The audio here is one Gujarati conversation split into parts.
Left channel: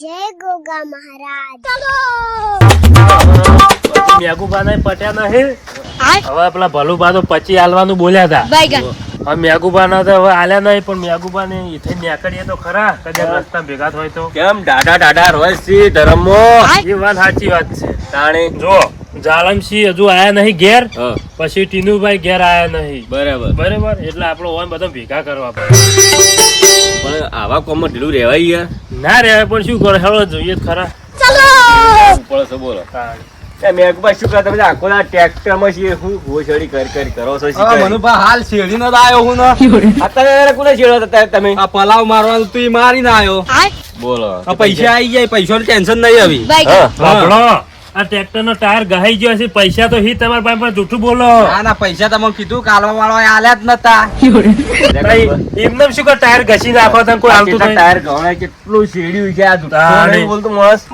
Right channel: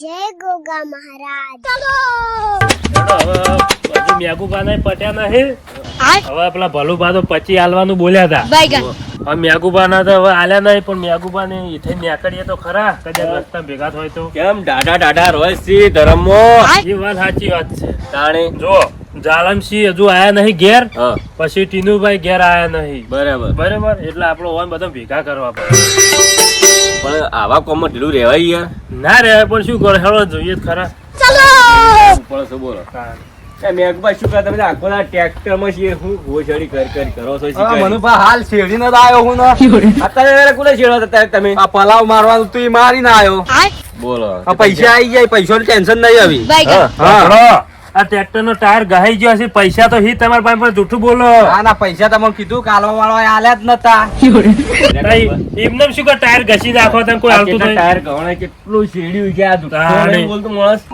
જય ગોગા મહારાજ. પછી મેઘુબા પટ્યા નહીં. હવે પેલા ભલુબા તો પછી હાલવાનું બોલ્યા હતા. બાયગન ના તો હવે આલ્યા નહીં પણ મેઘુબા ને ઈથે નીકળીએ તો ખરા કદાચ રસ્તા ભેગા થાય તો. કેમ? ડાડા દાડા રોય સી ધરમો એ વાત સાચી વાત છે. તાણે? જો જાલમસિંહ હજુ આયા નહીં ઘેર હા. પછી ટીનુભાઈ ઘેર આયા નહીં. બરાબર. બરાબર? એટલે આપણો ઓન બધા ભેગા કરવા પડે. પણ આવા કોમમાં ઢીલું રહેવાય યાર. ના રે પણ શું કરે? હેલો જોઈએ ખરા. ચલો! બોલો. છો બોલો મેઘભાઈ શું કરે? તમે આખો ના ટ્રેક્ટરમાં છે હું ઘોસડી કર કર કરો છો હા, શીખાય. મનુભા હાલ શેરડી નો આવ્યો હું ને. અત્યારે કોને છેડો હતા તમે? આ પલાવ મારવાનું તું ઈ મારીને આવ્યો બોલો. આ પૈસા આવી જાય પૈસાનું ટેન્શન નહીં આવી. હા. સાંભળો, આ ટ્રેક્ટર નો ટાયર ગહાઈ ગયો છે. પૈસા તો હી તમારા પાસે પણ જૂઠું બોલો. ના ના પૈસા તમે કીધું કાલવા વાળો આલ્યા જ નતા. એમને શું કે ટાયર ઘસી નાખો તમે કોઈ આવતું ટાયર ગવણાય, કેટલું શેડ્યું છે આ દુકાન બોલતું મસ્ત.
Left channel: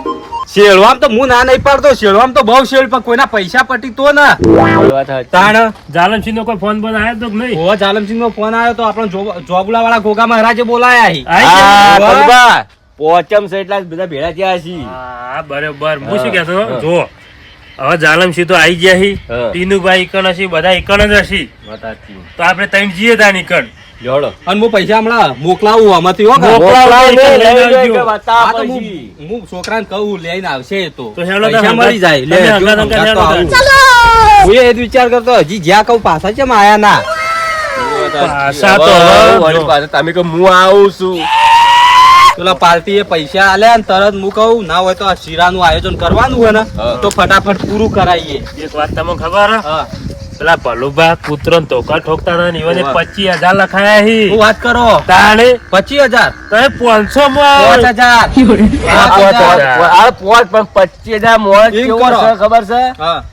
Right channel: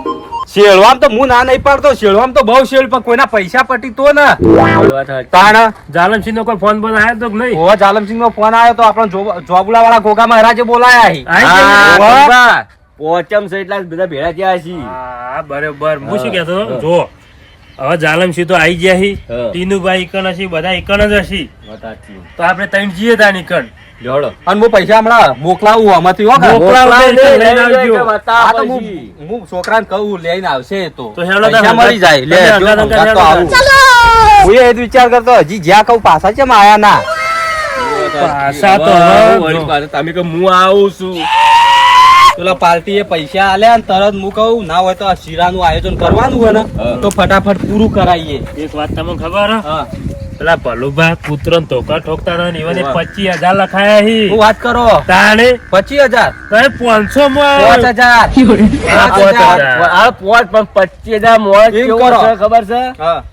શેળવામ તો હું ના નહીં પાડતો શેડવામ તો બહુ શેર પણ કોઈના પૈસા પટી તો ને. તાણ. જાલમસિંહ નો કોઈ ફોન બોન આવ્યો તો નહીં? હો જાલમસિંહ નો ફોન આવ્યો તો આપણો જોબુલા વાળા ગોગા મહારાજે બોલાયા પોચમ છે એટલા બધા ભેળા થયા છે હા બરોબર હું શું કહેતો જો હવે જાલમસિંહ તો આવી ગયા હી ટીનુભાઈ ઇકણ હશે બધા ઇકણ જ હશે તો આપણે ત્રણ જઈએ તા ઈકણ જોડો. અને હું પૈસા હમણાં મોકલાવું આમાંથી હો કે? મોકલાવું મોકલાવ નહીં, નહીં, લઈને લઈને આવજો. કે તો હું હું છોકરાને કહું લઈને આવશે તો તો હેલો પૈસા મળી જાય લે તો આવું. હું એ વિચાર કરતો હજી જ્યાં કહું પાછા કેમ આયા ના પાછા તો તમે કહો હું આવું છું પેલા પાર્ટી એ પૈસા આલ્યા ને તરત હું કહું ના હોય તો આ શીરાનું આયોજન કરવાનું હોય ને તો ફટાફટ પૂરું કરાવીએ એક વાત તમને ખબર હા? પેલા પલુભા કૂતરો ધોકા ઠોકતા ના ને પચીસ હજાર લખાયા હું. વાત કરો? તાણે? પચીસ હજાર? તારે પાંચસો માં પાંચ હજાર. પણ પચીસ હજાર મોજ કેવો છે ખબર છે?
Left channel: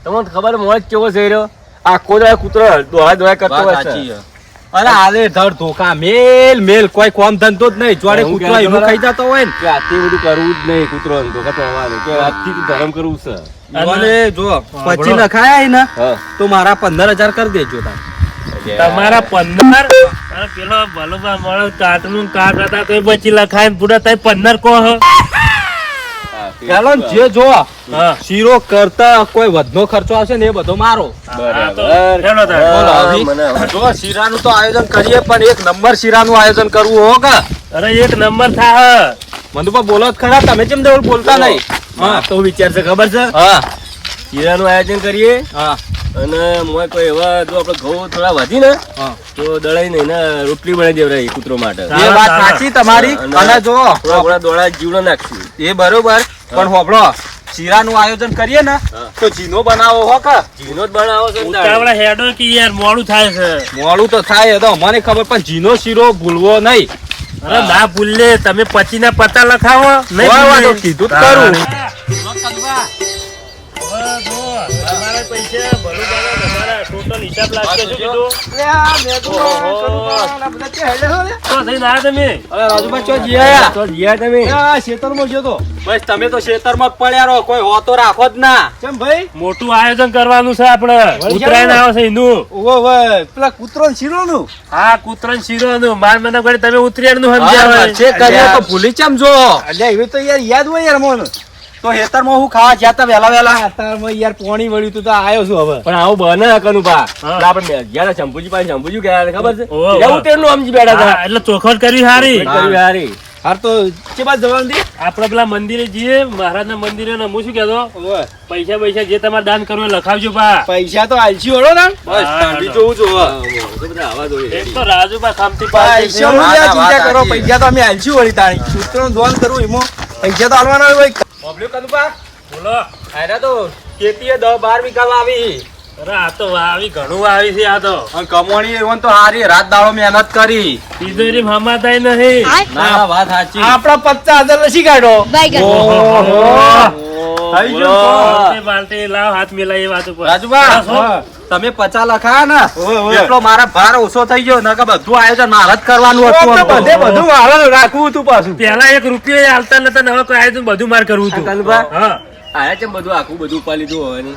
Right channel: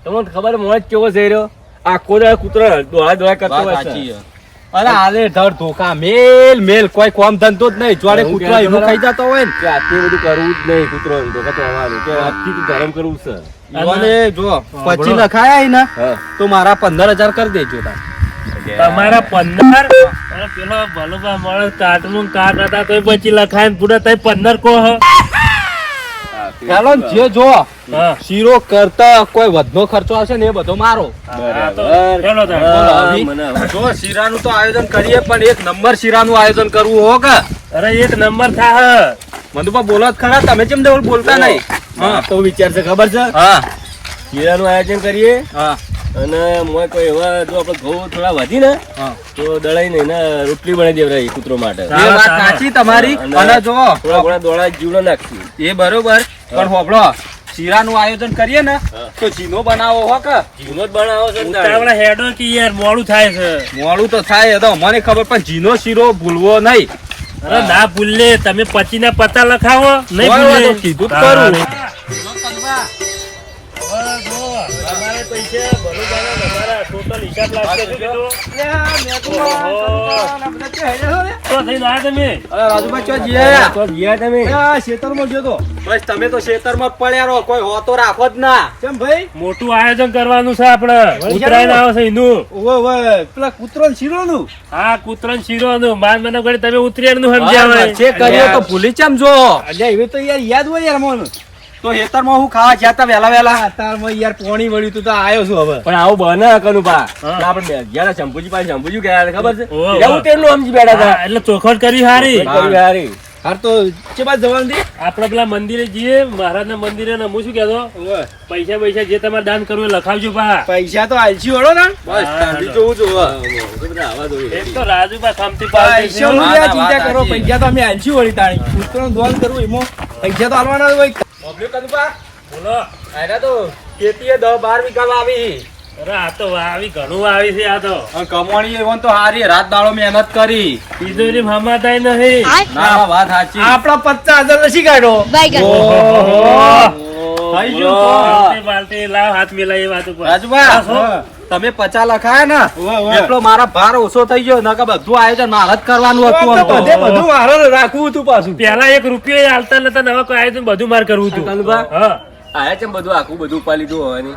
તમને ખબર મોજ કેવો છે રહ્યો? આખો દાડો કૂતરો દોડા દોડા કરતો. છે. અરે આલે ધર ધોકા મેલ મેલ કોઈ કોમ ધંધો જ નહીં જોડે કૂતરો એનું? ખાઈ જતો હોય ને કે આટલું બધું કરવું જ નહીં કૂતરો ધોકા તો અમારું કે આજથી તો ધરમ કરવું છે ઈવોને જો પચી. લખાયા ને તો મારા પંદર હજાર કરી દેજો તાર તમારા પંદર અને પેલો ભલુભા માણસ કાટનું કાટ હતા તો બચી લખાય ને પૂરા તઈ પંદર કો હ. તે- જે જો શીરો કરતા કોઈ વધનો ખર્ચો આવશે ને એ બધો મારો. હા, તો બરાબર. હેલો તાર. બોલો, અભી. મને હવે- જો શીરાનું તો આયોજન કરીએ પણ એક નંબર શીરાનું આયોજન કરવું હો કે? અરે એક નંબર થા મંદુપા બોલો જ ખરા તમે કેમ દેવળ બોલતા નહીં? હા, તો વિચાર છે ખબર છે? હા. શીરાનું આયોજન કરીએ. હા. અને મોય કોઈ એવા જો આપણે ઘઉં થોડા વધી ને તો દળાઈ ને એને રોટલી બનાવી દેવરાય કૂતરો માટે. એ વાત સાચી તમારી. અને જો થોડા થોડા દોડા જીવડો નાખશું. એ બરોબર. પણ હોબળો શીરાનું આયોજન કરીએ ને તો જીનો બનાવો હો કે? જીનો જ બનાવો છે ને ઉતાવળા હેડો કે યાર મોડું થાય છે. મોડું તો થાય એ તો મને ખબર પણ જીનો શીરો ભૂલવો નહીં. અરે ના ભૂલે તમે પછી ના પતા લખાવો નહીં કીધું જ તમારા total હિસાબ શું કીધું? તો થઈને આયા તમે? અરે રાજુભાઈ ચો જી તો જીયા તમે? આ ખેતરમાં ગયો તો. બસ તમે તો ખેતરમાં જ પડ્યા રહો કોઈ હોતો રાખો જ ના. કેમ ભાઈ? મોટું આયોજન કરવાનું છે આપણે. ઉત્તરાયણ આવે? છે એનું. ઓવે ઓવે પેલા કુતરણ શીરો નું હા કૂતરા શીરો નું બાર મહિના તમે ઉત્તરાયણનું સમજ્યા છે કર્યો તો ભૂલી ચમ જો. અલ્યા એવી તો યાર યાદ હોય યાર મોન. તો હેતરમાં હું ખાવા જ્યાં તા વેલા વેલા હેતરમાં યાર પોણી મળ્યું તું તો આવ્યો છું હવે. પણ આવું બને કનું હા. આપણે તા શંભુજી પાસે શંભુજી ગયા ખબર છે. એવું તેનું સમજી બેઠા હતા. એટલે ચોખવટ કરી હારી. કરી હારી. હાર તો કે બાદ જવાનું દી આપડે પેલા મંદિરે જઈએ મહારાજ ના મંદિરે ને હું શું કેતો પૈસા પૈસા જે તમારે દાન કરવું લખાવજો બા. પૈસા તો આલસી વળો ને. બસ જોવું છું હા, હા, તો રાજુ આવા જોઈએ. એક તો રાજુબા ખામતી પૈસા ચિંતા કરો પૈસા તો અમે આલસી વળી તાણી. કૂતરો દોન કરવું એમાં પૈસા તો આલવાના હોય પબ્લિક કદું બા. બોલો. આયરા તો ખેતી દસ બાર વીઘામાં આવી અરે આ તો આવી ઘણું આવી છે આ તો. અને કમવાણી એવન તો હારી રાત દાડો મહેનત કરી. તિજોરી હમાતાય નહીં. ના વાત સાચી. આપડા પચાસ હજાર લસી કાઢો. ઓહો, થઈ બોલો. બાલટી બાલટી લાવ હાથ મિલાય એ વાત ઉપર રાજુબા તમે પચા લખાયા ને. એટલો મારા ભાર ઓછો થઈ ગયો નકર બધું આયોજન મારે જ કરવાનું હતું તો. બધે બધું મારે રાખવું હતું પાછું. પેલા એક રૂપિયો હાલતા નતા નવા કોઈ આયોજન બધું માર કરવું હતું. કનુભા આયા છે બધું આખું બધું ઉપાડી લીધું હોવાની?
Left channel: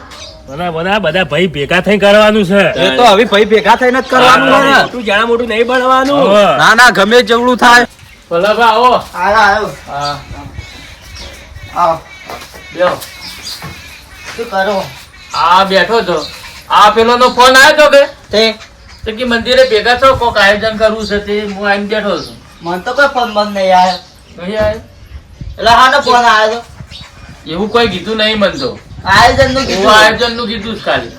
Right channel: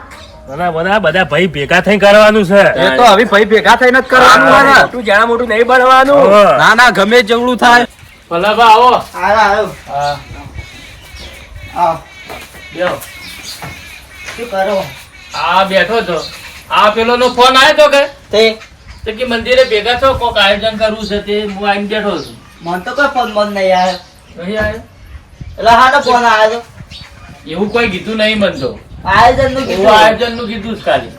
મને મને બધા ભાઈ ભેગા થઈ કરવાનું છે. એ તો હવે ભાઈ ભેગા થઈને જ કરવાનું હોય ને. મોટું જાણા મોટું નહીં બનવાનું. ના ના ગમે જેવડું થાય. ભલા આવો. આવ્યો આવ્યો આવો બેહો. શું કરો? આ બેઠો તો આ પેલો નો ફોન આવ્યો તો કે? તે? તે કે મંદિરે ભેગા છો? કોક આયોજન કરવું છે તે? હું આવીને બેઠો છું. મને તો કોઈ ફોન બંધ નહીં આવ્યો. નહીં આવ્યો? એટલે હાનો ફોન આવ્યો એવું કોઈ કીધું નહીં મન તો. આયોજનનું કીધું? આયોજનનું કીધું જ ખાલી.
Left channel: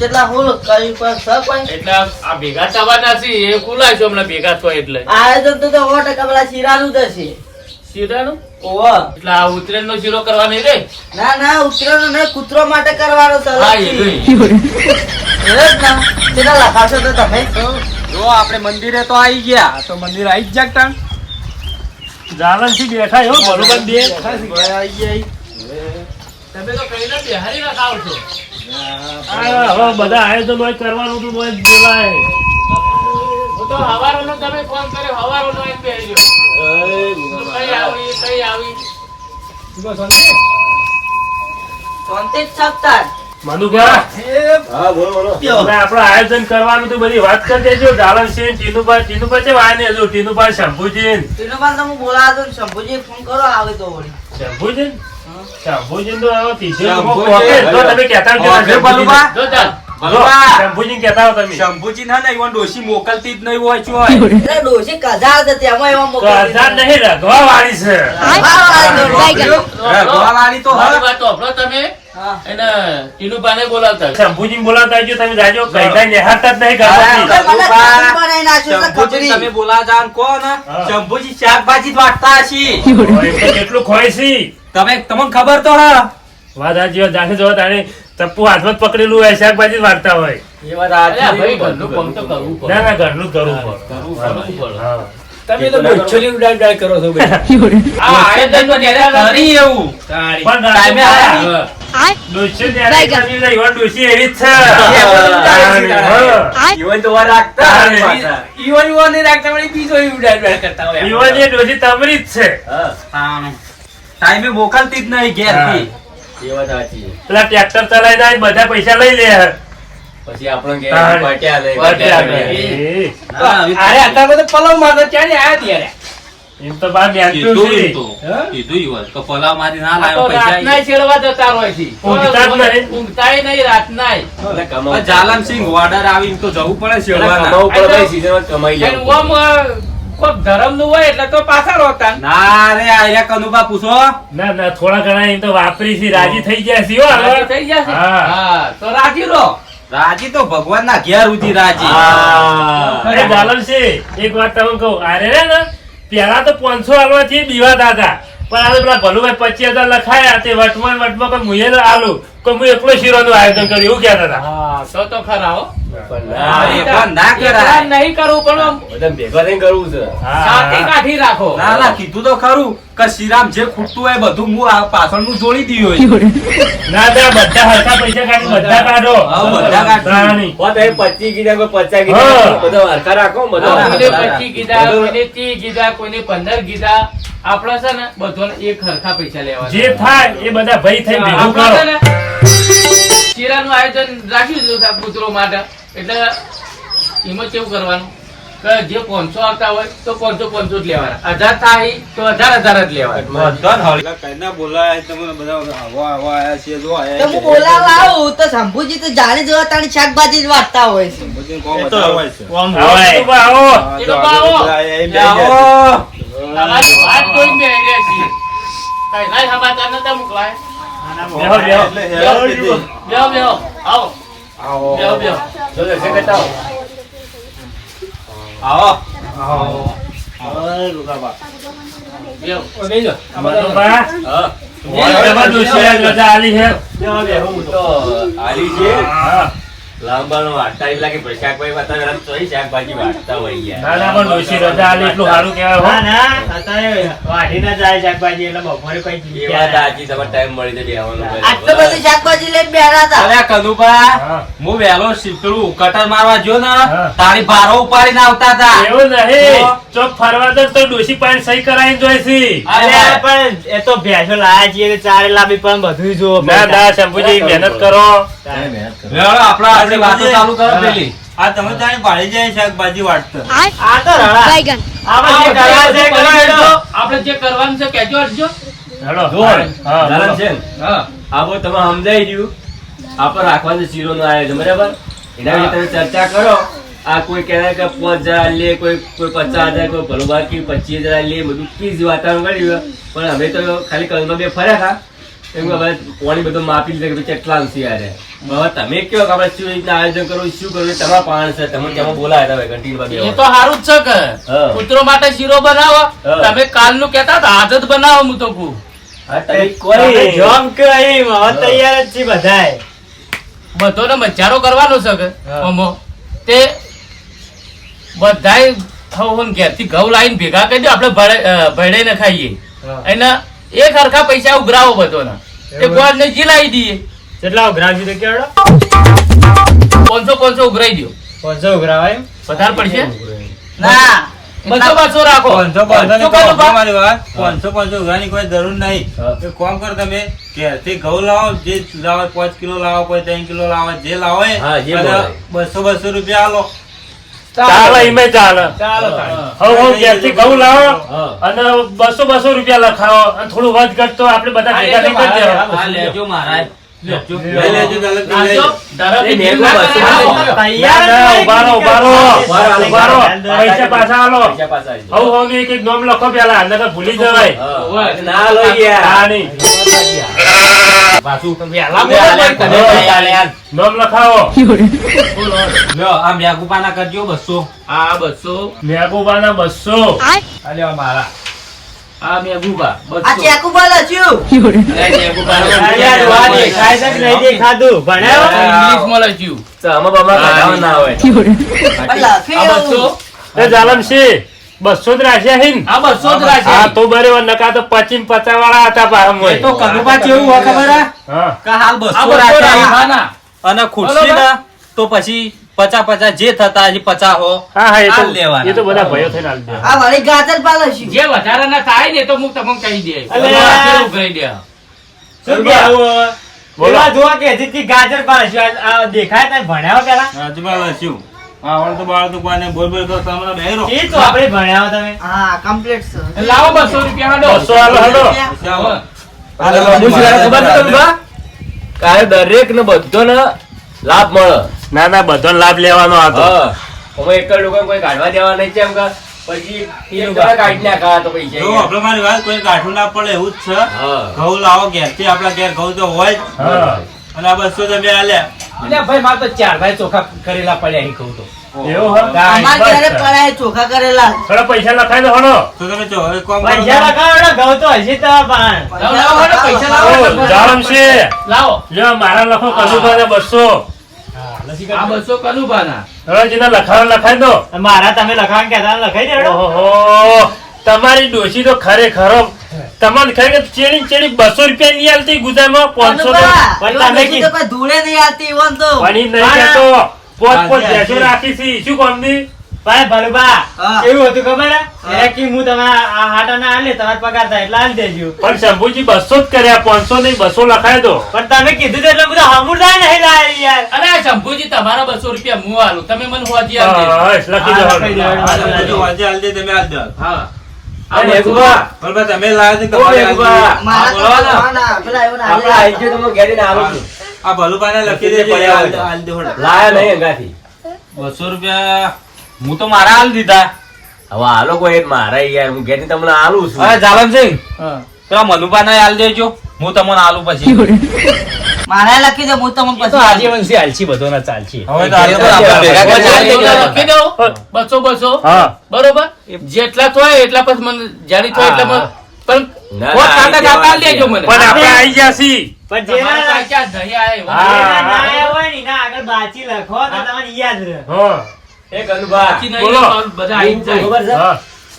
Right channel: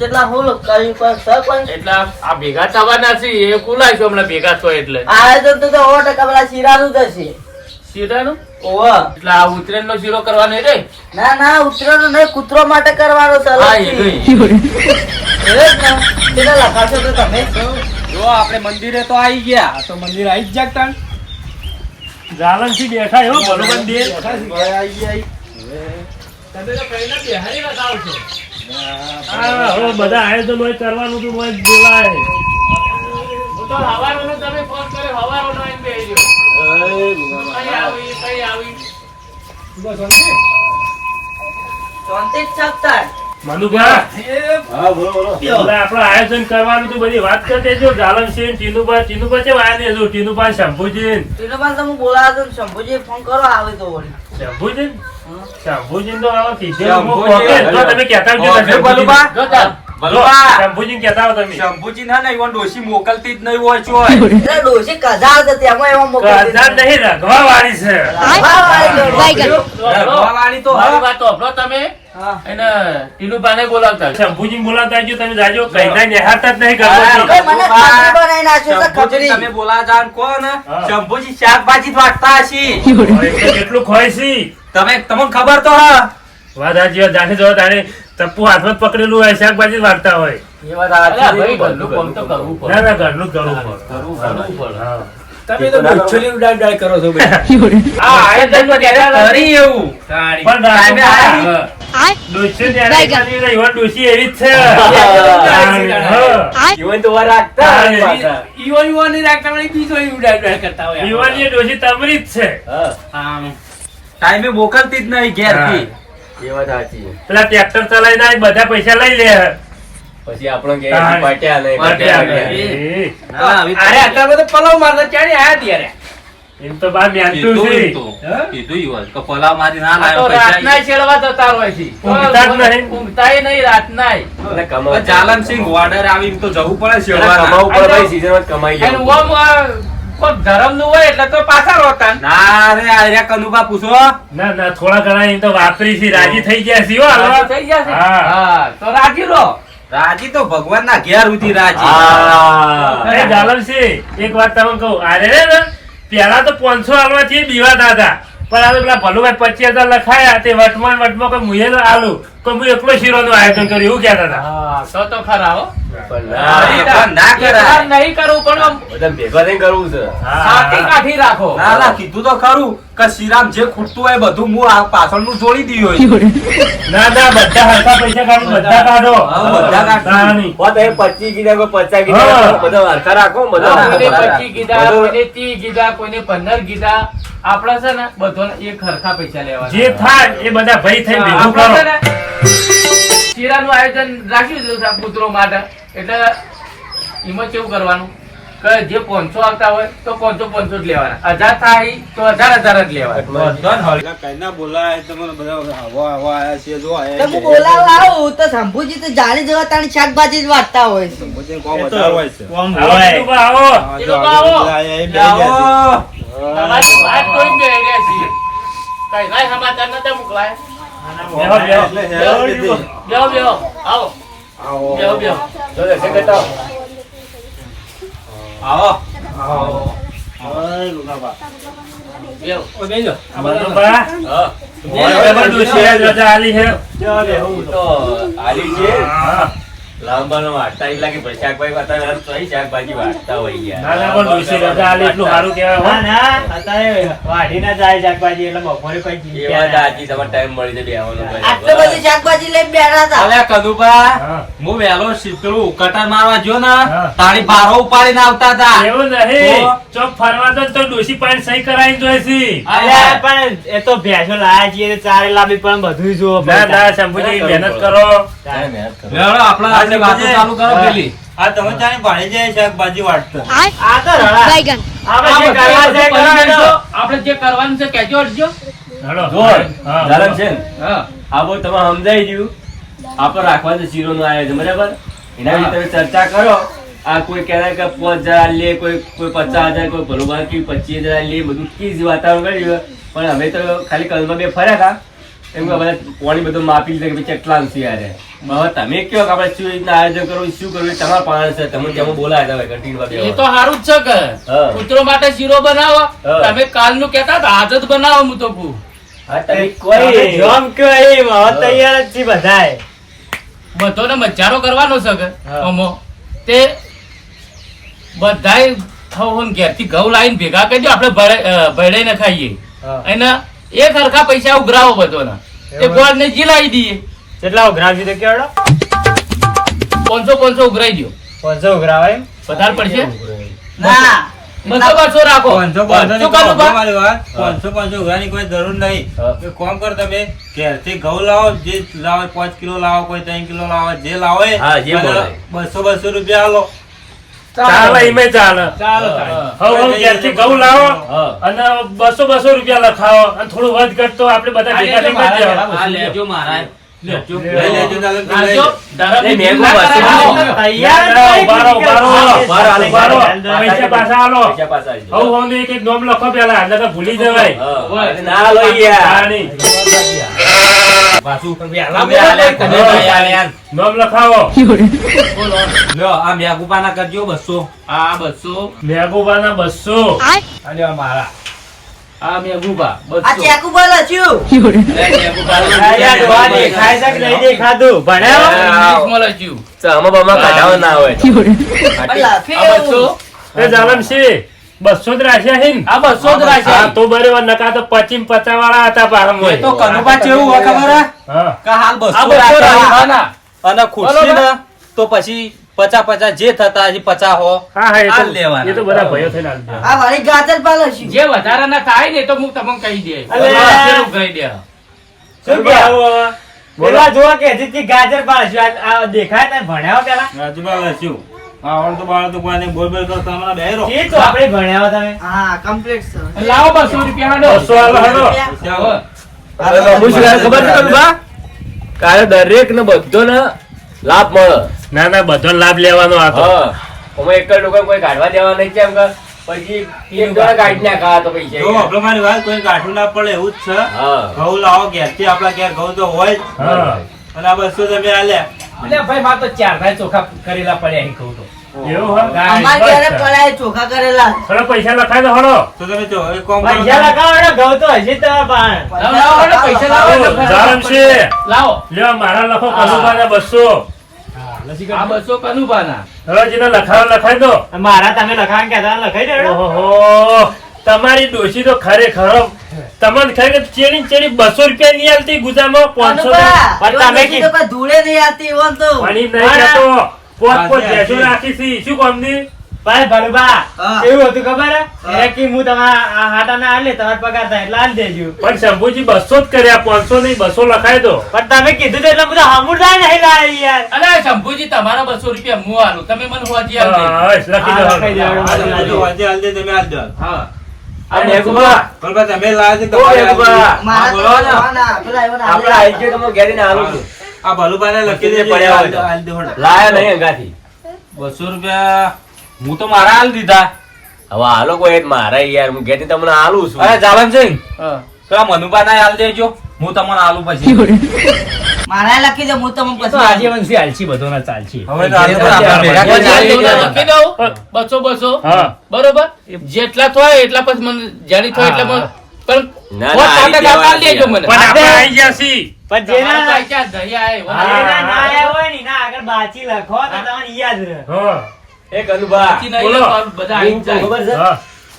કેટલા હું કર્યું પણ એટલે આ ભેગા થવાના છે એ કુલાય હમણાં ભેગા છો એટલે. આયોજન તો તો સો ટકા પેલા શીરાનું જ હશે. શીરાનું? ઓહો એટલે આ ઉત્તરાયણ નો શીરો કરવા રે? ના ના ઉતરેલો નહીં કૂતરો માટે કરવાનો છે હા એ અલગથી. નહીં. એવું જ ને. કેટલા લખાશો તો તમે. જો આપણે મંદિરે તો આવી ગયા. તો મંદિર આવી જ જાગતા. જાલનથી બેઠા એવું ભલુબન બે. આવી ગયા તમે તો કઈ બેહારી રખાવ ના હા હવે બધા આયોજન કરવાનું તું હોય બોલાય. તો હવારોનો તમે ફોન કર્યો હવારોનો એમ બેહી કઈ આવી કઈ આવી. શાંતિ જ મનુભા? હા બોલો બોલો. આપણે આયોજન કરવાનું તું બધી વાત કરી દેજો. જાલન સિંહ ટીનુભાઈ ટીનુભાઈ છે આને હજુ. ટીનુભાઈ શંભુજી એનો તમે બોલાવો તો શંભુજી ફોન કરો આવે તો વળી. શંભુજી શંભુજી તો હવે પીછે. જો તમે કહેતા. જો જો, શંભુજી કહેતા તમે. શંભુજી ના ને ઈવન ડોશી મોકલતી જ નહીં હોય છો એટલે ડોશી કજાર છે તેમાં એવા તો મોકલી નહીં રઘવા વાળી છે રઘવાવાળી તો મારી વાત સાંભળો તમે. એને ટીનુભાઈને બોલાવતા શંભુજી બોલાવતા તમે જાજો કઈતા નિહાળતા જ નહીં. તમે બોલા જાવ ને કહો ને. હા. શંભુજી શાકભાજી વાંચતા વાટતા હશી. કેટલું ખોય છે. તમે તમને ખબર તો હા. વાત. જાણે જો તારે. ટપ્પુ હાથમાં પકડેલું હોય શાકભાજી જ વાળતા હોય. એ વાત ભાઈ ઘરનું કામ તો કરવું પડે. ના ના ઘરનું કરવું પડે. કરવું પડે. તમે તો બોચલી ઉડાઈ ઉડાઈ કરો છો આ આયોજન તો કહેતા કરી એવું. પણ ટાઈમે આયા ને? ત્યારે એવી નહીં, એવી જ છે. હા. તો વાર રાખતા ઈવન નહીં રાખતા પણ બીજો ઉડાઈ ઉડાઈ કરતા હોય. ઈવન એ ડોશી તમારી જ છે. ટાઈમે મોકલતી જ નહીં ઘેરથી. એ વાત સાચી. પેલા ટ્રેક્ટર ચલાવી જાય બધા પૈસા લઈ લે પછી આપણને કે પાટ્યા પાટ્યા તો- અરે આટલા બધા પલાવ મારતો ક્યારે આયા ત્યારે એમ તો બાર કીધું નેતું એમ છે. તો. કીધું ઈવન. તો પલાવ મારી ના આ પૈસા રાતનાય છેડવા જતા હોય છે. ઊંઘતા જ નહીં. ઊંઘતાય નહીં રાતનાય. એટલે કમાવું પણ આવીને તો જવું પડે એટલે કમાવું પડે ભાઈ, season કમાઈ લેવું. ગરમનું હોય એટલે તો પાછા રોતા ના રે આયા કનુભા પૂછો. ના ના થોડા ઘણા એમ તો વાપરી છે રાજી થઈ ગયા છે હો થઈ ગયા છે? હા. હા તો રાજી રહો. રાજી તો ભગવાન ના ઘેર ઉધી રાજી. હા. અરે જાલમસિંહ, એક વાત તમને કહું. અરે રે ને પેલા તો પાંચસો આલવાથી બીવાતા હતા પણ આ તો પેલા ભલુભાઈ પચીસ હજાર લખાયા તે વટમાં ને વટમાં કોઈ મુએ આલુ. કોઈ હું એકલો શીરોનું આયોજન કર્યું એવું કહેતા હતા. હા તો તો ખરા હો. પણ હા, ના, એ પણ ના કરાય. એકલા નહીં કરવું પણ ભેગા થઈને કરવું છે. કાઠી રાખો. ના ના કીધું તો ખરું કે શ્રીરામ જે ખૂટતું હોય બધું હું પાછળનું જોડી દીધું ના ના બધા હરખા પૈસા કાઢી બધા. કાઢો. બધા કાઢો. ના, એ પચીસ કીધા કોઈ પચાસ કીધા બધા હરખા રાખો બધા પચીસ કીધા કોઈને ત્રીસ કીધા કોઈને પંદર કીધા. આપડે છે ને બધો એક હરખા પૈસા લેવા જે થાય એ બધા ભાઈ થઈ ભેગું આપણે છે કરો ને શીરાનું આયોજન રાખ્યું છે કૂતરો માટે. એટલે એમાં કેવું કરવાનું? કે જે પાંચસો આવતા હોય તો પાંચસો પાંચસો જ લેવાના. હજાર થાય તો હજાર હજાર જ લેવાના. કઈના બોલાય તમને બધા હવા હવા આયા છે જો તો હું બોલાવવા તો શંભુજી તો જાણી જોવા તાણી શાકભાજી જ વાટતા હોય. છે. આવો, આવો. એ લોકો આવો. આવો તમારી વાત કોઈ બે રહ્યા છીએ કઈ ના સમાચાર નતા મોકલાય? બેહો, બેહો. બેહો બેહો. આવો. બેહો. બેહો જો દર્શન કરતા આવો. આવો. બેહો. મનુભા, હા. તમારા ડોશીએ રજા આલી છે હું તો આલી છે. હા. લાંબાનો વાર્તા એમ લાગે શાકભાજી વાર્તા રસ તો શાકભાજી વાર્તા હોય યાર. ના ના પણ ડોશી રજા આલી એટલું સારું કહેવાય એ વાત સાચી, તમારે time મળી તો બેહવાનું ભાઈ. આટલું બધું શાકભાજી લઈને બેઠા હતા. અરે કનુભા હું. વહેલો શીપડું કટર મારવા જો ને તારી ભારો ઉપાડીને આવતા હતા. એવું નહીં. ચોક ફરવા દો તો ડોસી પાણી સહી કરાવી અરે પણ એ તો ભેંસો લાયા છીએ ચારે લાંબી પણ બધું જોવો ના ના શંભુજી મહેનત કરો. આપણા આજે વાતો ચાલુ કરો પેલી. આ તમે ત્યાં પાડી જાય શાકભાજી વાટતો આ તો રણા આમાં છે એ કરો હેડો. આપણે જે કરવાનું છે કેજો અડજો હેલો. હા, ધારણ છે હા. આ બધું તમે સમજાઈ ગયું. આપણે રાખવાનું શીરોનું આયોજન બરાબર? એના વિશે તમે ચર્ચા કરો. આ કોઈ કહેવાય કે પાંચ હજાર લે કોઈ કોઈ પચાસ હજાર કોઈ ભલો બાકી પચીસ હજાર લે બધું કીજ વાતાવરણ કર્યું પણ અમે તો ખાલી કલમાં બે ફર્યા હતા. એમ ને હવે પાણી બધું માપી લીધું કે કેટલા આવશે યારે હવે તમે કયો કે આપણે શું રીતના આયોજન કરવું શું કરવું તમારા પાણ છે. તમે તેમાં બોલાયા હતા કન્ટિન્યુ એ તો સારું જ છે કે. કૂતરો માટે શીરો બનાવો. હા. તમે કાલનું કહેતા હતા આજ બનાવો હું તો કહું. હા, તમે તમે કોઈ જોમ કે એમ, હવે તૈયાર જ છીએ બધાય બધોને મજારો કરવાનો છે કે. અમો. તે બધાય થવું ઘેરથી ઘઉં લાવીને ભેગા કરી દો આપણે ભળે- અ, ભળીને ખાઈએ. એના એક હરખા પૈસા ઉઘરાવો બધોના. એ ગોળ ને જીલાવી દઈએ. કેટલા ઉઘરાવશું તો કેવડો? પાંચસો પાંચસો ઉઘરાઈ દો પાંચસો ઉઘરાવાય વધારે પડશે? ના. બસો બસો રાખો. પાંચસો પાંચસો પાંચસો પાંચસો કોઈ જરૂર નહીં. કોમ કર તમે ઘેરથી ઘઉં લાવો જે લાવો પાંચ કિલો લાવો કોઈ ત્રણ કિલો લાવો જે લાવો બસો બસો રૂપિયા આલો. ચાલે. એમે ચાલે. હવે ઘેરથી ઘઉં લાવો અને બસો બસો રૂપિયા લખાવો. અને થોડું વધ આપણે બધા ભેગા થઈ લેજો તો ભૂલી જવાય. હા. આ મેઘુપાના કરજો આ બસો મેઘુબાના બસો આ મારા આ મેઘુબા આ બસો ચેકુ બોલે યાર, વા દેખાય છે નહીં દેખાતું? ભણ્યા? ઇંગ્લિશમાં લખ્યું. તો આમાં બામાં કાઢાવા ના હોય બસો જ રાખ્યા છે ને? આ બસો જ હા તો બરોબર નકા તો પચીસ પચાસ વાળા હતા પાછા એ તો કનુભા કેવું હોય ખબર કે હાલ બસો બસો રાખ્યા રાખ્યા. અને ખુરશી ને તો પછી પચા પચા જે થતા હજી પચા હો. હા હા એ આ તો લેવાના. એ તો બધા ભયો થઈને આ વળી ગાજર પાલે છું. જે વધારાના થાય ને તો હું તમને કહી દે. કહી દે? શું બોલો. જોવા કે હજી ગાજર આ દેખાય તને ભણ્યા પેલા? ગાજર લસ્યું આવડ તો બાળ તો બોલ બોલ તો તમે બેરો એ તો આપણે ભણ્યા તમે. હા કમ્પ્લીટ છે. લાવો બસો રૂપિયા નો બસો આલો હેડો. અરે બાબુ શું ખબર છે તને બા? કાલે દરેક ને લાભ મળે. ના ના બધો લાભ લેવાનો હતો અમે એક જ લોકો કોઈ કાઢવા દેવા નહીં છે એમ કે. પછી એક કાઢી નાખા તો પૈસા જો આપણે મારી વાત કોઈ કાઢવું ના પડે એવું જ છે. હા. ઘઉં લાવો ઘેરથી આપણા ઘેર ઘઉં તો હોય જ. અને આ બસો તમે આલ્યા. એટલે ભાઈ મારે તો ચાર ભાઈ ચોખા કરેલા પડ્યા અહીં કહું તો. એવું હા? અમારે ઘરે પડાય ચોખા કરેલા. થોડા પૈસા લખાઈ દો હળો તો તમે જો હવે કોમ કરો પૈસા લગાવો એટલે ઘઉં તો હજી તમારા પાસે. લાવો, લાવો, હેડો, પૈસા લાવો એટલે જાલમ છે. લાવો. લ્યો મારા લખો કલુબાના બસો. આ બસો કનુભાના હળો જેને લખાવો લખાઈ દો મારા તમે લખાણ કહેતા લખાઈ દે. તમારી ડોશી તો ખરેખર તમને ખરેખર ચેડી ચેડી બસો રૂપિયા નહીં આવતી ગુજરાતમાં પાંચસો પણ તમે ધૂળે નહીં આવતી એવા તો. નહીં કહેતો. પોત પોત ભેંસો રાખી છે. શું કામની ભાઈ ભલુભા, હા. હતું ખબર? હે? કે હું તમારા આ હાટાના આલે તમારો પગાર થાય એટલે આલી દેજો. પણ શંભુજી બસો જ કર્યા પાંચસો નહીં બસો લખાય તો. પણ તમે કીધું તો એટલે બધા નહીં લાયા યાર. અરે શંભુજી તમારા બસો રૂપિયા હું આલું? તમે મને હોજી લખી દો. આલ દે તમે આલ દો. હા. તમે. આ ભલુભાઈને લખી દે- લાયા નહીં અંગાથી. બસો રૂપિયા. હું તો મારા હાલ દીધા. હવે આ લોકો મારા યાર હું ઘેર તમને હાલું છું. અરે જાલમસિંહ તો આ મનુભાને હાલ દેજો. હું તમને આલુ પછી મારા લખી દે હું તમને પછી આજે વંશી આલછી બધો ના. જોડા લખી દઉં. બસો બસો. બરોબર? જેટલા થાય એટલા પછી મને જાણી થાય એટલા મને. પણ બાચી લખો તમને યાદ રહે.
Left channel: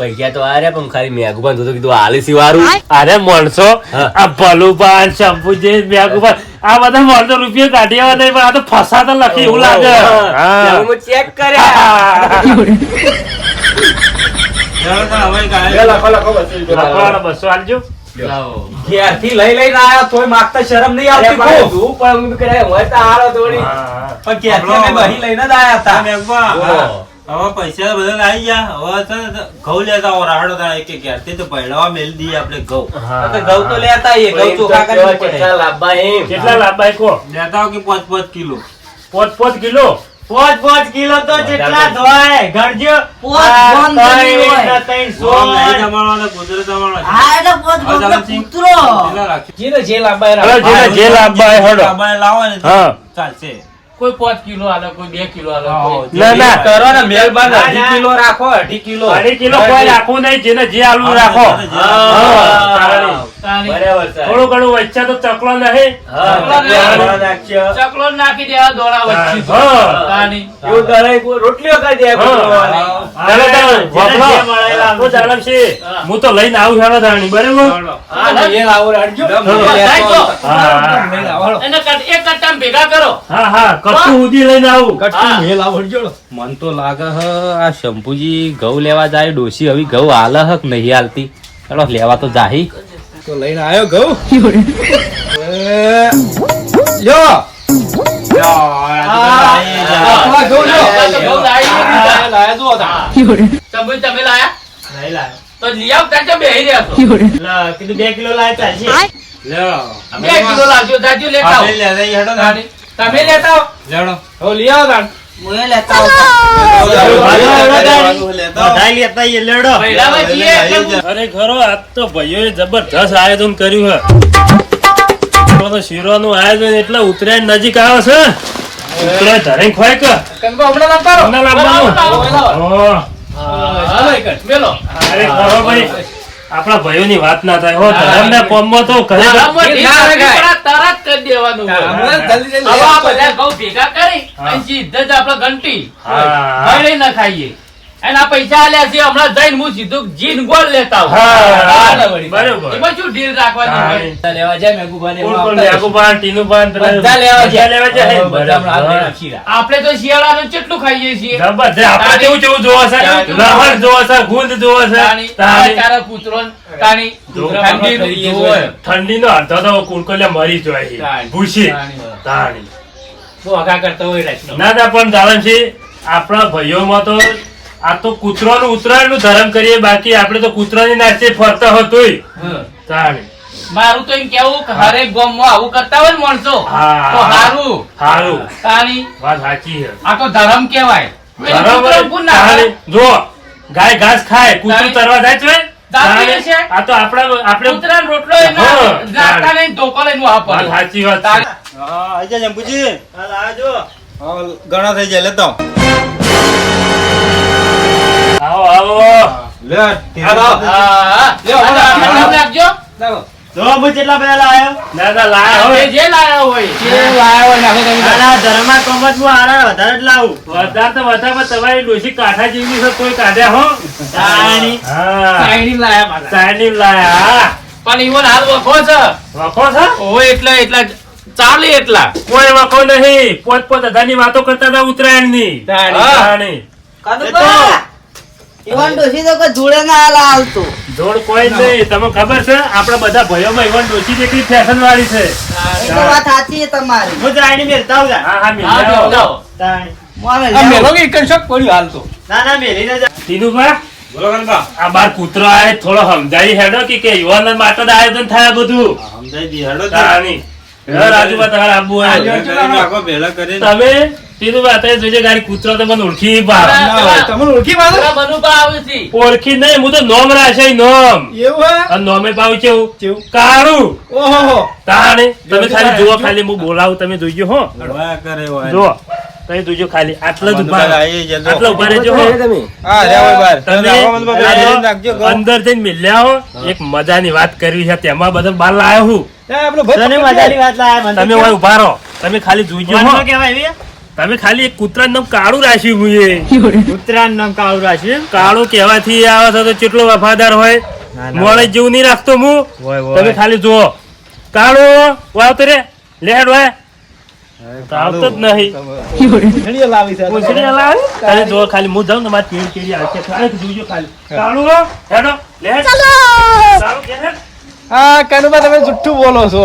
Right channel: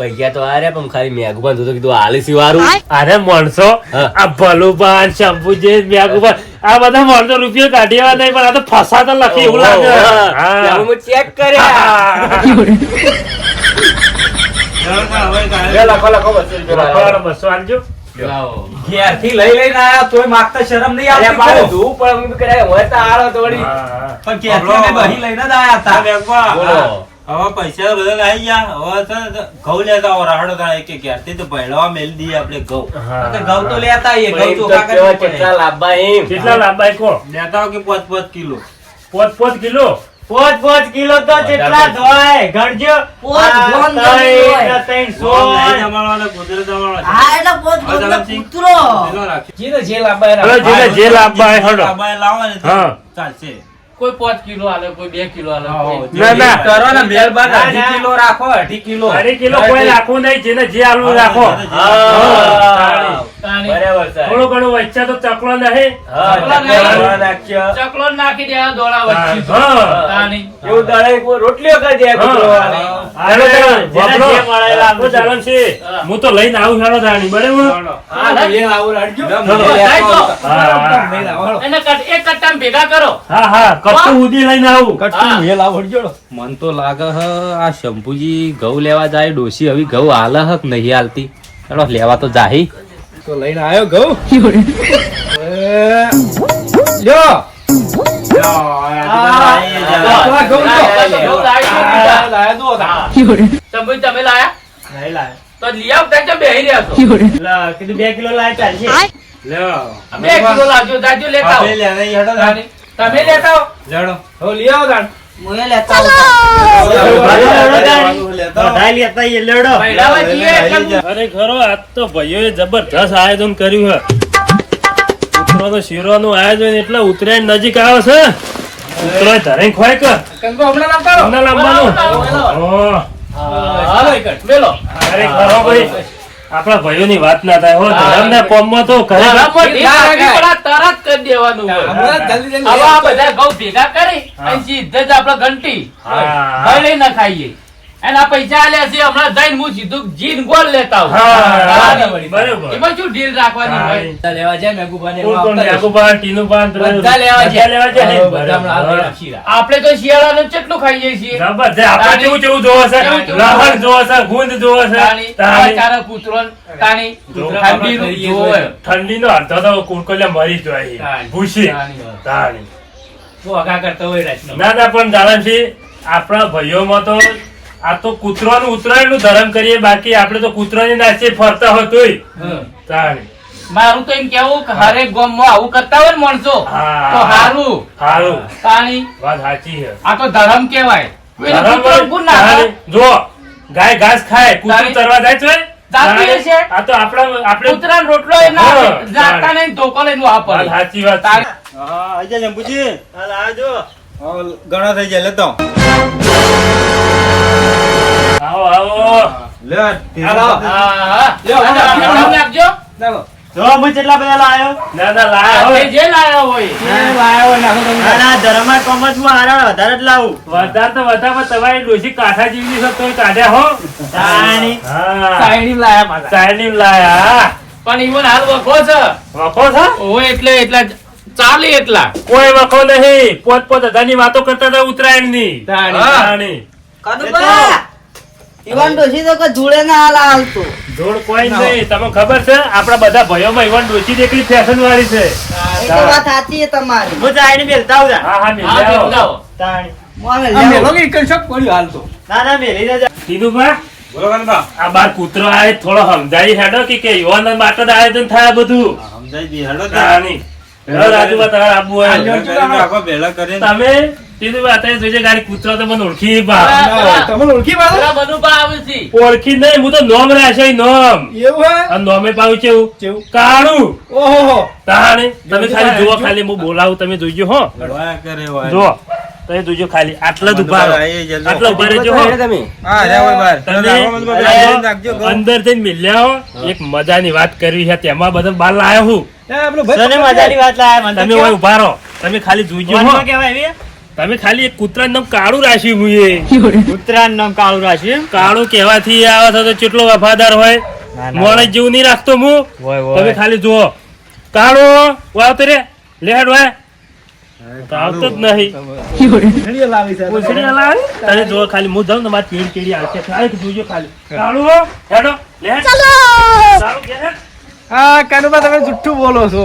પૈસા તો આ રહ્યા પણ ખાલી મેઘુબાન તો કીધું આલીસી વાળું અરે માણસો આ ભલુબાન શંભુજી મેઘુબાન આ બધા માણસો રૂપિયો કાઢ્યા નહીં પણ આ તો ફસાતા લખી એવું લાગે. હું. ચેક કર્યા. બસો આલજો ઘેરથી લઈ લઈને આયા તોય માગતા શરમ નહીં આવતી પણ હું કર્યા હોય તો આલો થોડી પણ ઘેરથી લઈને જ આયા હતા. હવે પૈસા બધા આવી ગયા. હવે છે ઘઉં લેતા આવો રાહડો તાણે એક એક યાર તો પહેલા મેલ દઈએ આપણે ઘઉં. તો ઘઉં તો લેતા આવીએ ઘઉં ચોખા કરવા કેટલા લાંબા એમ કેટલા લાંબા કો લેતા કે પાંચ પાંચ કિલો? પાંચ પાંચ કિલો? પાંચ પાંચ કિલો તો જેટલા ધોય ગણજો પાંચ લઈ સોળ. જમાડવાનો કુદરત જમાડવાનો હા એટલે પાંચ કૂતરો. જે લાંબા જે લાંબા હડો. લાંબા લાવો ને ચાલશે. કોઈ પાંચ કિલો આલે કોઈ બે કિલો આલે ના, ના. કરો ને મહેરબાન અઢી કિલો રાખો અઢી કિલો. અઢી કિલો કોઈ રાખવું નહીં જેને જે આલુ રાખો. થોડું ઘણું વચ્ચે તો ચકલો નહીં. ચકલા નાખી દે દોડા વચ્ચે. હા. રોટલીઓ કરી દે તો. હું લઈને આવું હેડો તાણી, બરાબર? એક કટ્ટા ભેગા કરો. હા હા કપતું ઉધી લઈને આવું હા. એ લાવો મન તો લાગે હ આ શંભુજી ઘઉં લેવા જાય ડોસી હવે ઘઉં હાલ હ નહીં હાલતી? ચલો લેવા તો જાહી. તો લઈને આવ્યો ઘઉં? એ, લ્યો. લ્યો. લાયા. તમે લાયા? નહીં લાવે. તો લઈ આવતા જો બેહી રહ્યા છો? લા, કીધું બે કિલો લાવે ચાલશે. લ્યો. બે કિલો લાવજો જાજો લેતા આવો. આપણે લેતા હેડો ને. તમે લેતા આવો લેવડો. હો, લઈ આવો તાણ. મોએ લેતા હું- અરે ખરો આજ તો ભાઈઓએ જબરજસ્ત આયોજન કર્યું હે તો શીરોનું આયોજન એટલે ઉત્તરાયણ નજીક આવે છે ઉત્તરાયણ ધરે ખોય કે કંકુ હમણાં. લાવવાનું જ. મેલો. અરે ખરો ભાઈ આપણા ભાઈઓ ની વાત ના થાય હો ધરમના કોમમાં તો માં તો ના. પડા તરત કરી દેવાનું જલ્દી જલ્દી બધા ભેગા કરી. સીધે જ આપડે ઘંટી હા. ઘરે ના ખાઈએ આ પૈસા આલ્યા છે હમણાં જઈને હું સીધું જીન ગોળ લેતા આવું. હા બરાબર. એમાં શું ડીલ રાખવાની લેવા જાય રહ્યા. આપણે તો શિયાળાનું કેટલું ખાઈએ છીએ. કૂતરો ને અડધો તો કુરકુલે મરી જાય. ભૂસી. તાણી. તાણી. બહુ હગા કરતા હોય ના ના પણ જાણે છે આપણા ભાઈઓમાં તો આ તો કૂતરાનું ઉતરાયણનું ધર્મ કરીએ બાકી આપણે તો કૂતરાની નાચે ફરતા હોતોય હમ. મારું તો એમ કેવું કે હરેક ગામમાં આવું કરતા હોય ને માણસો તો હારું સારું તાણી વાત સાચી છે આ તો ધર્મ કેવાય. કૂતરો ના. જો ગાય ઘાસ ખાય કૂતરું. તરવા જાય છે. આ તો આપણા આપણે કૂતરાનો રોટલો એ ના હા, જાતા નહીં ધોકો લઈને વાપરે. સાચી વાત હા, આઈ જંબુજી. હાલ આવજો. હવે ઘણા થઈ જાય લેતો આવો. આવો આવો લે, હા, હા. લ્યો, આ હાલો. તમે નામ આપજો. ચાલો. જો હું બધા લાયો ના ના લાય જે જે લાયા હોય એ લાયા હોય નાખો તમે તાણ. ધર્મા કોમત હું આના વધારે જ લાવું વધારે તો વધારે પણ તમારી ડોશી કાંઠા જેવી છે તોય કાઢ્યા હો તાણી. હા લાયા પાછા. ચાઇનીઝ લાયા પણ ઈવન હાલ વખો છે વખો છે હોય એટલે એટલા ચાલે એટલા કોઈ વખો નહીં પોત પોત હજારની વાતો કરતા હતા ઉત્તરાયણની તાણી. કનુભા, ઈવન ડોશી તો જોડે ના હાલ આવતું જોડ કોઈ નહીં તમે ખબર છે આપણા બધા ભાઈઓમાં ઈવન ડોશી જેટલી ફેશન વાળી છે એ તો વાત સાચી છે તમારી હું જાઈને બેલતા આવું હા હા હા આવો થોડો જોજે ગાડી કૂતરો તો મને ઓળખી પા તમને ઓળખી પાછો? પેલા બનુભા છે. ઓળખી નહીં હું તો નોમ રાશે નોમ. એવું હે? આ નોમે પાવું કેવું? કેવું? કાળું. ઓહો તાણે. તમે ખાલી જુઓ ખાલી હું બોલાવું તમે જોઈજો હો. કરે જુઓ. તમે ખાલી. આટલા જ ઊભા ઊભા રહેજો હો. બહાર. તમે. અંદર મિલ્યા હો. એક મજાની વાત કરવી છે તેમાં. બધા બાર લાયો હું. એ આપણો ભાઈ તને પકડ મજાની લે. વાત લાયા મને. તો તમે ઊભા રહો. તમે ખાલી હો? તમે ખાલી એક કૂતરાનું નામ કાળું રાખ્યું હું ઉત્તરાયણ નામ કાળું રાખ્યું કાળું કહેવાથી આવે છે તો કેટલો વફાદાર હોય? મોડે. જેવું નહીં રાખતો હું. હોય, હોય. તમે ખાલી જુઓ. કાળો વાવ તો રે. લેડ વાય તો આવતો જ નહીં. ઘડીએ લાવી છે. તમે જુઓ ખાલી હું જાઉં ને મારી કેડી કેડી આવશે ખાલી જોજો ખાલી. કાળું હેડો. લેડ. કાળું કે હા, કાનુબા તમે જુઠ્ઠું બોલો છો.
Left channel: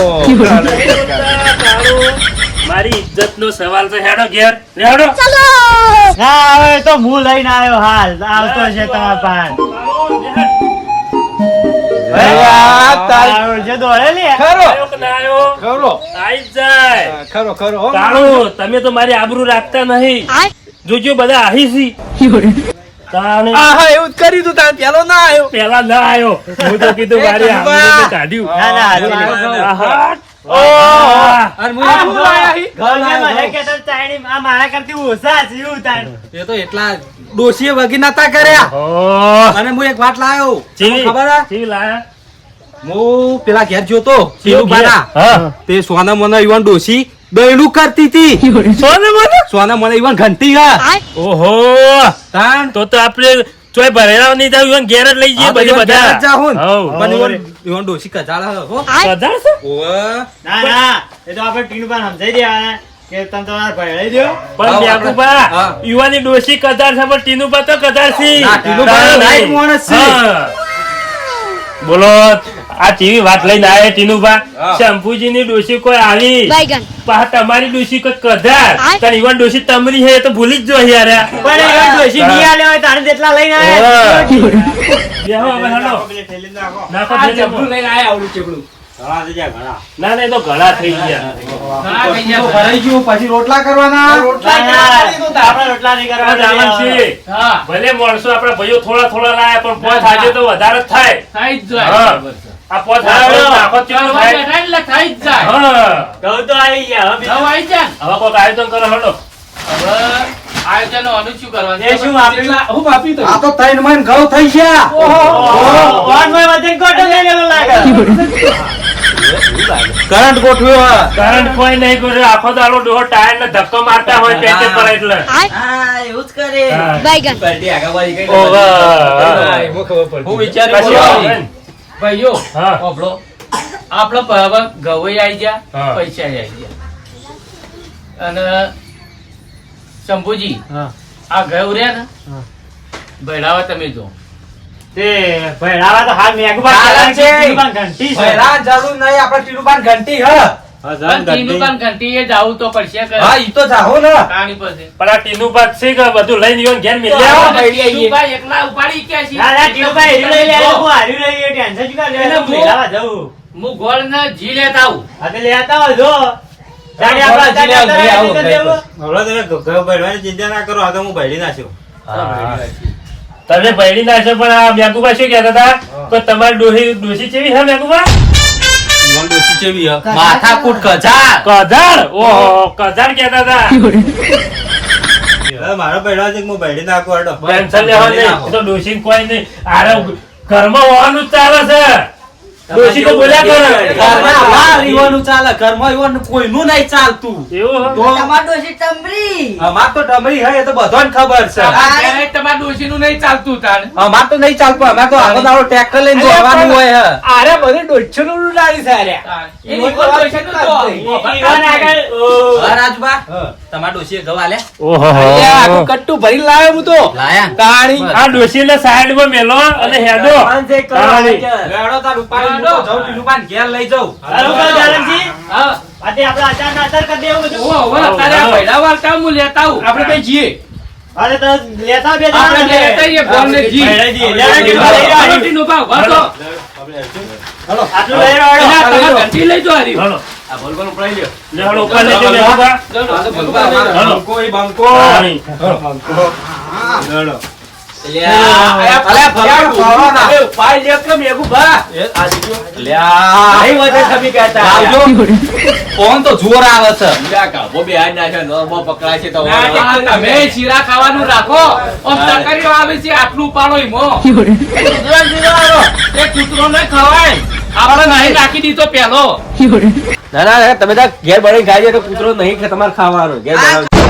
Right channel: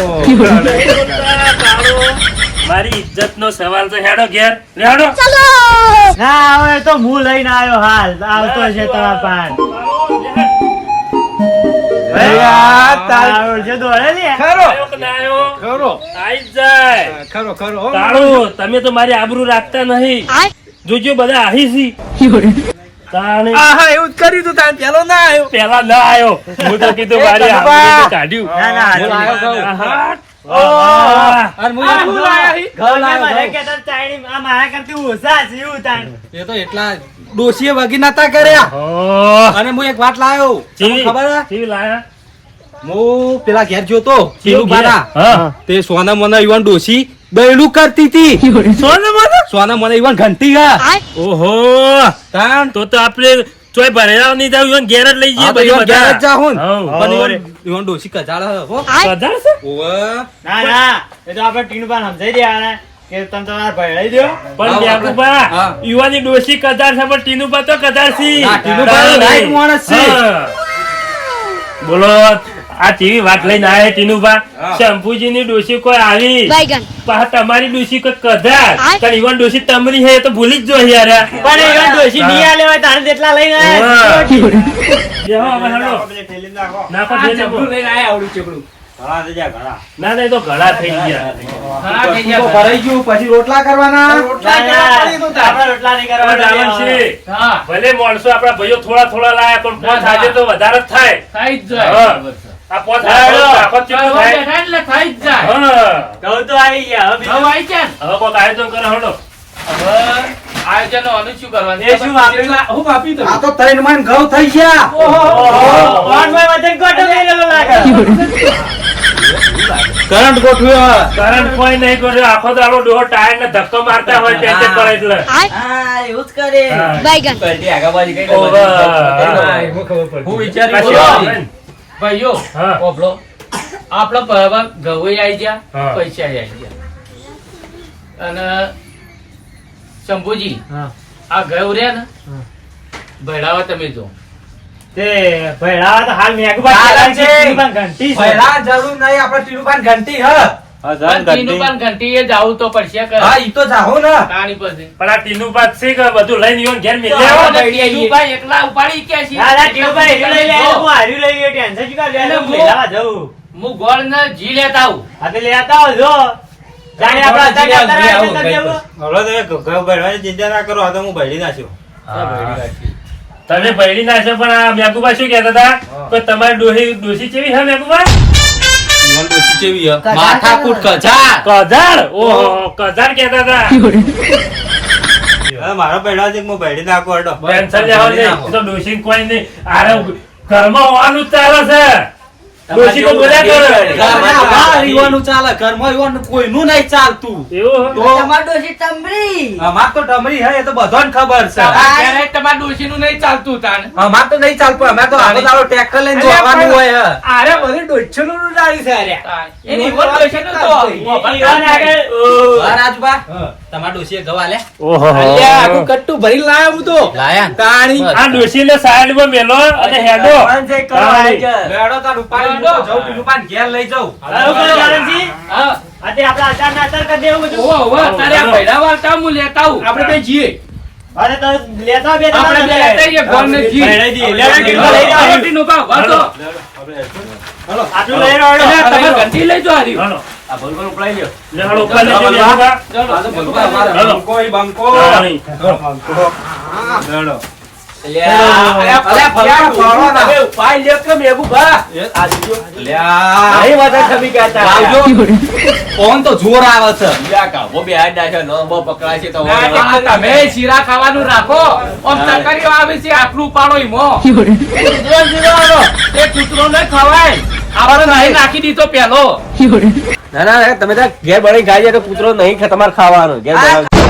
મારી ઇજ્જત નો સવાલ તો હેડો ઘેર. હેડો. ના હવે તો હું લઈને આવ્યો હાલ. આવતો છે તમારા પાન આવડશે તો હે? લે. આયો કે ના આયો ખરો. આઈ જ જાય. ખરો ખરો હો. તાળું તમે તો મારી આબરૂ રાખતા નહીં. જોજો બધા આહી સી તાણે આહા, એવું જ કર્યું તું તાણ. પેલો ના આવ્યો. પેલા ના આયો હું તો કીધું મારી આબરૂ કાઢ્યું ના ના હારું આવ્યો ઘઉં. આહા. ડોશીએ વગી નતા કર્યા. અને હું એક વાત લાયો. ખબર હે? જી લાયા? હું પેલા ઘેર જોતો પેલું બારા તે સોના મને ઈવન ડોશી બૈડું કરતી હતી સોને મને? સોના મને ઈવન ઘંટી ઓહો. તાણ? તો તો આપણે ચોય ભરેલા નહીં જાવ ઈવન ઘેર જ લઈ જઈએ હા, ઈવન ઘેર જ બધા. જાહું પણ ઈવન ઈવન ડોસી કજાળા હો કજાળ છે? ઓવે. ના ના એ તો આપણે પાન સમજાઈ દેવાના કે તમે તમારા ભેળાઈ દ્યો. પણ હા, યાકુબા, હા. યુવાની ડોસી કદાર છે પણ ટીનુબા તો કજાળ છે. ના, ટીનુબા right માણસ છે. બોલો આ ચેવી વાત લઈને આવે ટીનુભા શંભુજી ની ડોસી કોઈ આવી? તમારી ડોસી કોઈ કદાચ પણ ઈવન ડોસી તમરી હે તો ભૂલી જ જો યાર. પણ ઈવન ડોસી નહીં આલ્યો હોય તારે જેટલા લઈને આયા બેહો હવે હેલો. નાખો થેલીમાં. ઘણા થઈ ગયા, ઘણા. ના ના તો ઘણા થઈ ગયા. ઘણા થઈ ગયા તો ભરાઈ ગયું પછી રોટલા કરવાના? ના, ના, આપણે રોટલા નહીં કરવાના. ભલે માણસો આપડા ભાઈઓ થોડા થોડા લાયા પણ થાય આજે તો વધારે જ થાય. જ. આ પોત ચાલો. થાય? એટલે થઈ જ જાય હા. ઘઉં તો આવી ગયા હવે હવે આવી જાય હવે કોઈક આયોજન કરો હટો હવે આયોજન આનું શું કરવાનું એ શું વાપર્યું? આ તો ત્રણ મહિને ઘઉં થઈ ગયા ઓહો, ઓનમાં વધીને ગોટો મેલેલો લાગે. કરંટ ગોઠવ્યો કરંટ કોઈ નહીં ગોઠવ્યો આખો દાડો ડોહો ટાયર ને ધક્કો મારતા હોય ત્યાં તે પડે એટલે હા એવું જ કરે હા. ઓવે. હું વિચાર્યું કશી બોલો. વાત નહીં. ભાઈઓ હા. ઓભળો. આપણો પ- હવે ગવઈ આવી ગયા પૈસા આવી ગયા અને શંભુજી હા. આ ગયો રે ને ભૈડાવા તમે જો તે ભેળાવા તો હાલ મેઘુબા ચાલે કહેવાય છે, છે. ટીનુભાઈ ઘંટી છે. જરૂર નહીં આપણે ટીલુબાન ઘંટી હ ચિંતા ના કરો આ તો હું ભરી નાખ્યો. તમે ભયડી નાખશો પણ આ શું કેતા હતા? કે તમારી ડોહી ડોસી કેવી છે મેઘુબા ઈવન ડોશી ચેવી માથાકૂટ કજાળ કધાર ઓહો. કધાર કહેતા હતા. મારો ભરવા છે કે હું ભરી નાખું લેવાનું નહીં. તો ડોશીને કોઈ નહીં. આરે ઘરમાં હોવાનું જ ચાલે છે. ડોશી તો બોલ્યા કરે. ઘરમાં વાર ઈવનનું ચાલે ઘરમાં ઈવનનું કોઈનું નહીં ચાલતું. એવું તમાર ડોશી તમરી. અમાર તો ડમરી હે એ તો બધાને ખબર છે. તમારા ઘરે તમારા નહીં ચાલતું તાણ. અમાર તો નહીં ચાલતું અમાર તો આખો દાડો ટ્રેક્ટર લઈને જવાનું હોય હે. આરે બધી ડોશીનું ઉડાડી છે આરે. તાણ. એ ઈવન ડોશીનું તો ઈવન આગળ, ઓ, હા રાજબા તમાર ડોશીએ ગવા લે ઓહો આખું કટ્ટું ભરી લાયા હું તો. લાયા? તાણી. આ સાઈડ સાઈડમાં મેલો અને હેડો. તાણી. તાર ઉપાડી મૂકો જાઉં પેલું ઘેર લઈ જાઉં. હાલો, હા. આ તે આપણા અચારના અચાર કરી દેવું બધું. ઓવા, ઓવા, અત્યારે આ ભૈડા વાળતા હું લેતા આવું. આપણે કઈ જઈએ? અરે તો લેતા બે આપણે લેતા આવીએ, ફોન ને જી. હાલો, ટીનું લઈ જાઓ. હાલો, ભાવ. આટલું લઈ રહ્યો, હાલો. તમારે ઘંટી લઈ જાઓ હારી. હાલો. આ બોલબોલ ઉપડાઈ લ્યો. લે હાલો, ઉપર લેજો મેઘુબા. આ ભગવા હાલો. બંકો. બંકો. તાણી. ખાવાનું રાખો. આમ તરકારીઓ આવે છે આટલું ઉપાડો ઈમો. એ કૂતરો ને ખવાય. આપણે નહીં નાખી દીધો પેલો. ના ના તમે ત્યાં ઘેર બળી ખાઈ જાય તો કૂતરો નહીં તમારે ખાવાનું. ઘેર.